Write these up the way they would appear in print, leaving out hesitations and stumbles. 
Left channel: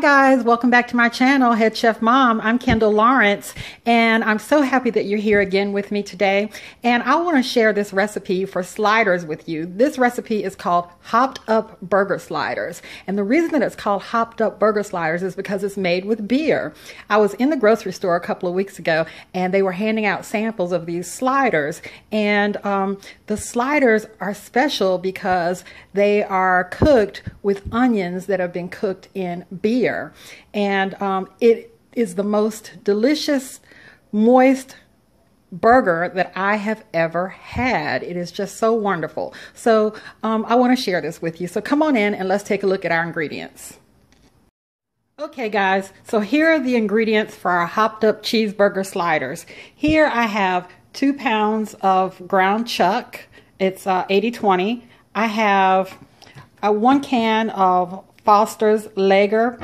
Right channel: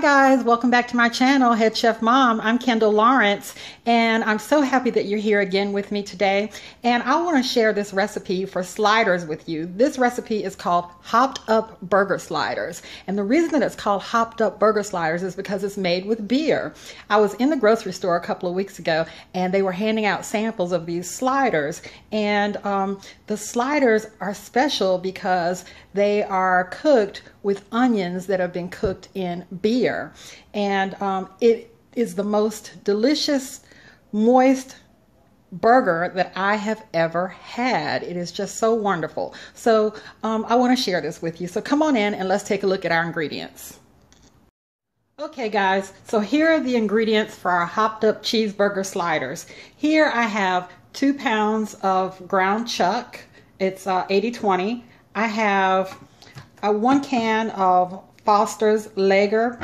Hi guys, welcome back to my channel, Head Chef Mom. I'm Kendall Lawrence, and I'm so happy that you're here again with me today. And I want to share this recipe for sliders with you. This recipe is called Hopped Up Burger Sliders. And the reason that it's called Hopped Up Burger Sliders is because it's made with beer. I was in the grocery store a couple of weeks ago, and they were handing out samples of these sliders. And the sliders are special because they are cooked with onions that have been cooked in beer. And it is the most delicious, moist burger that I have ever had. It is just so wonderful. So I want to share this with you. So come on in and let's take a look at our ingredients. Okay guys, so here are the ingredients for our hopped up cheeseburger sliders. Here I have 2 pounds of ground chuck. It's 80-20. I have 1 can of Foster's Lager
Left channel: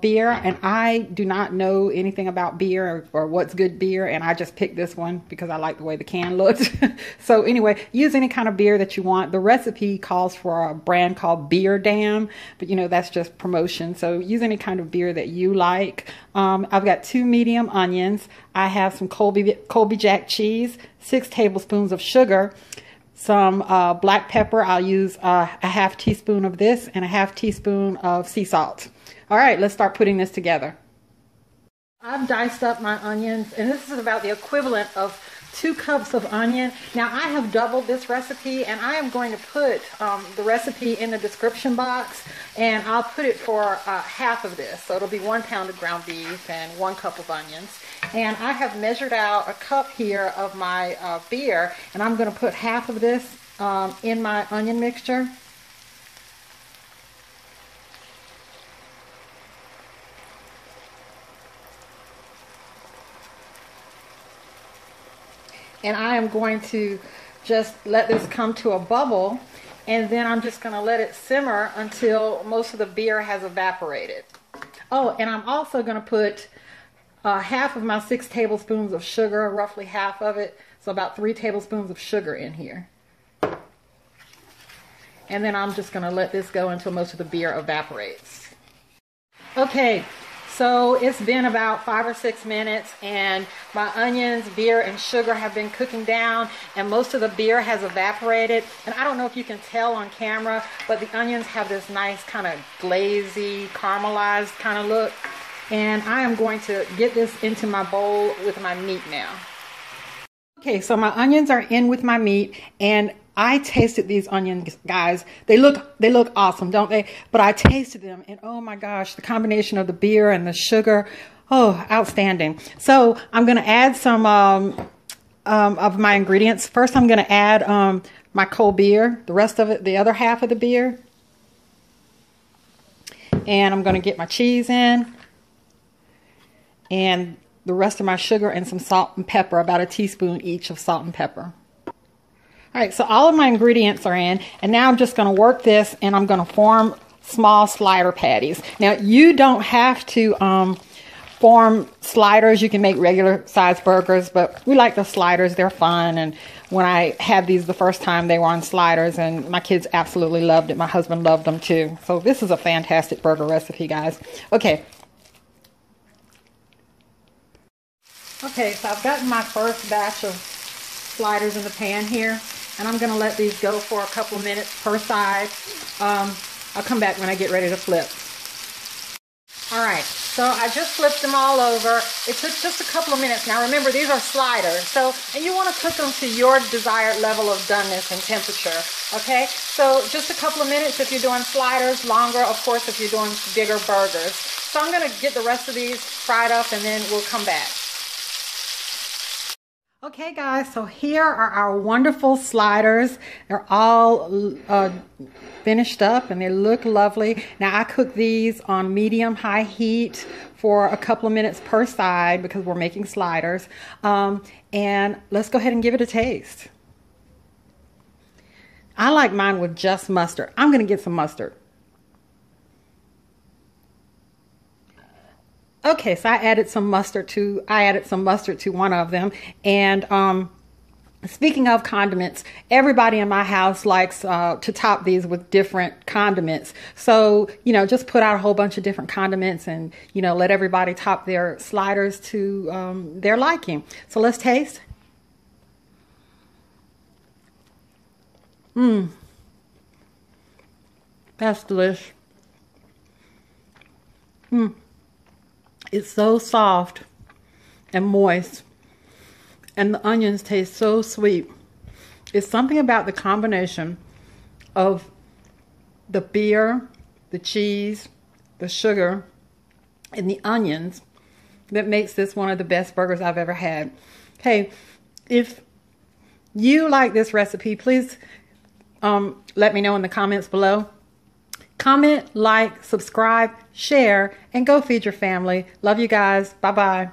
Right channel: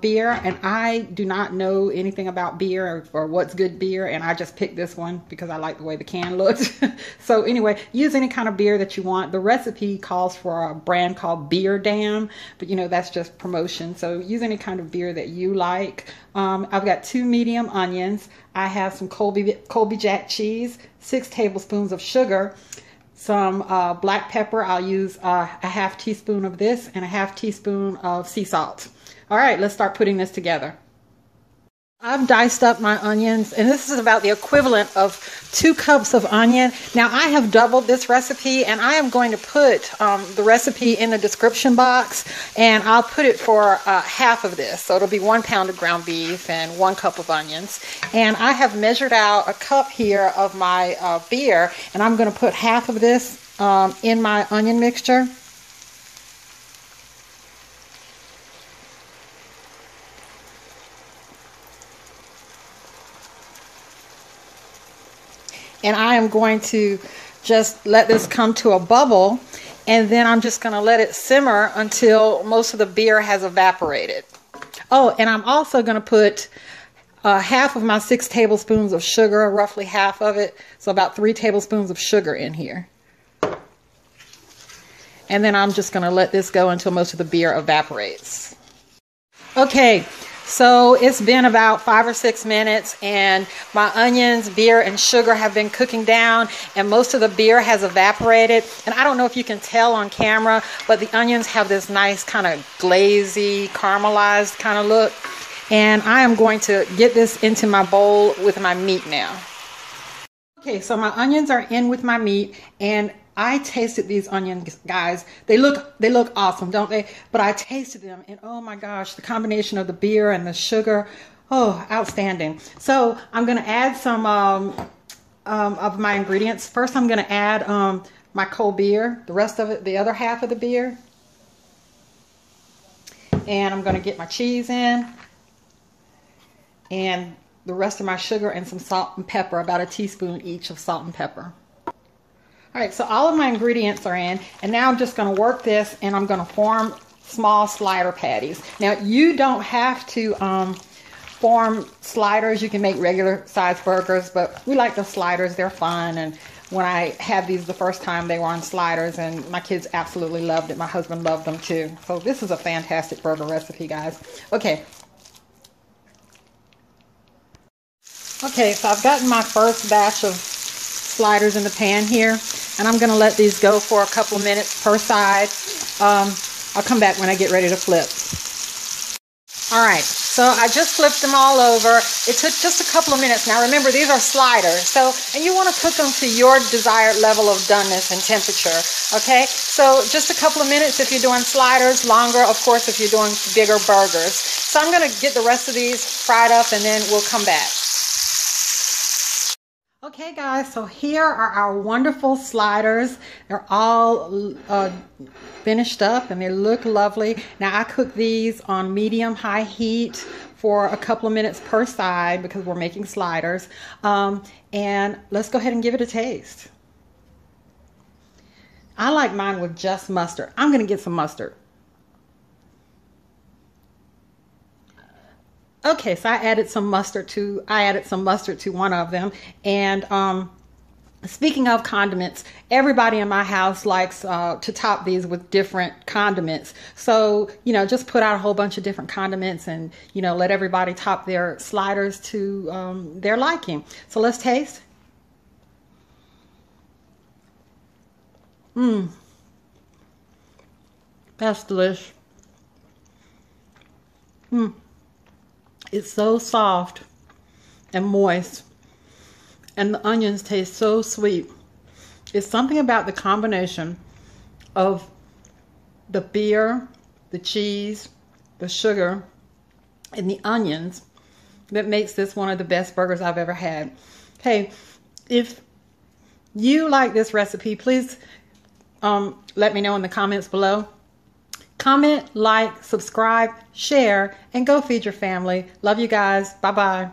beer, and I do not know anything about beer or what's good beer, and I just picked this one because I like the way the can looked. So anyway, use any kind of beer that you want. The recipe calls for a brand called Beer Dam, but you know, that's just promotion. So use any kind of beer that you like. I've got 2 medium onions. I have some Colby Jack cheese, 6 tablespoons of sugar, some black pepper. I'll use a half teaspoon of this and a half teaspoon of sea salt. All right, let's start putting this together. I've diced up my onions, and this is about the equivalent of 2 cups of onion. Now I have doubled this recipe, and I am going to put the recipe in the description box, and I'll put it for half of this. So it'll be 1 pound of ground beef and 1 cup of onions. And I have measured out a cup here of my beer, and I'm going to put half of this in my onion mixture. And I am going to just let this come to a bubble, and then I'm just going to let it simmer until most of the beer has evaporated. Oh, and I'm also going to put half of my 6 tablespoons of sugar, roughly half of it, so about 3 tablespoons of sugar in here. And then I'm just going to let this go until most of the beer evaporates. Okay. So it's been about 5 or 6 minutes, and my onions, beer, and sugar have been cooking down, and most of the beer has evaporated. And I don't know if you can tell on camera, but the onions have this nice kind of glazy, caramelized kind of look. And I am going to get this into my bowl with my meat now. Okay, so my onions are in with my meat, and I tasted these onions, guys. They look awesome, don't they? But I tasted them, and oh my gosh, the combination of the beer and the sugar, oh, outstanding. So I'm going to add some of my ingredients. First, I'm going to add my cold beer, the rest of it, the other half of the beer. And I'm going to get my cheese in, and the rest of my sugar, and some salt and pepper, about a teaspoon each of salt and pepper. All right, so all of my ingredients are in, and now I'm just going to work this, and I'm going to form small slider patties. Now, you don't have to form sliders. You can make regular size burgers, but we like the sliders. They're fun, and when I had these the first time, they were on sliders, and my kids absolutely loved it. My husband loved them too. So this is a fantastic burger recipe, guys. Okay. Okay, so I've gotten my first batch of sliders in the pan here, and I'm going to let these go for a couple of minutes per side. I'll come back when I get ready to flip. All right, so I just flipped them all over. It took just a couple of minutes. Now remember, these are sliders, and you want to cook them to your desired level of doneness and temperature, okay? So just a couple of minutes if you're doing sliders, longer, of course, if you're doing bigger burgers. So I'm going to get the rest of these fried up, and then we'll come back. Okay guys, so here are our wonderful sliders. They're all finished up, and they look lovely. Now I cook these on medium-high heat for a couple of minutes per side because we're making sliders. And let's go ahead and give it a taste. I like mine with just mustard. I'm going to get some mustard. Okay, so I added some mustard to one of them, and Speaking of condiments, everybody in my house likes to top these with different condiments. So, just put out a whole bunch of different condiments and, let everybody top their sliders to their liking. So let's taste. That's delicious. It's so soft and moist. And the onions taste so sweet. It's something about the combination of the beer, the cheese, the sugar, and the onions that makes this one of the best burgers I've ever had. Hey, if you like this recipe, please let me know in the comments below. Comment, like, subscribe, share, and go feed your family. Love you guys. Bye-bye.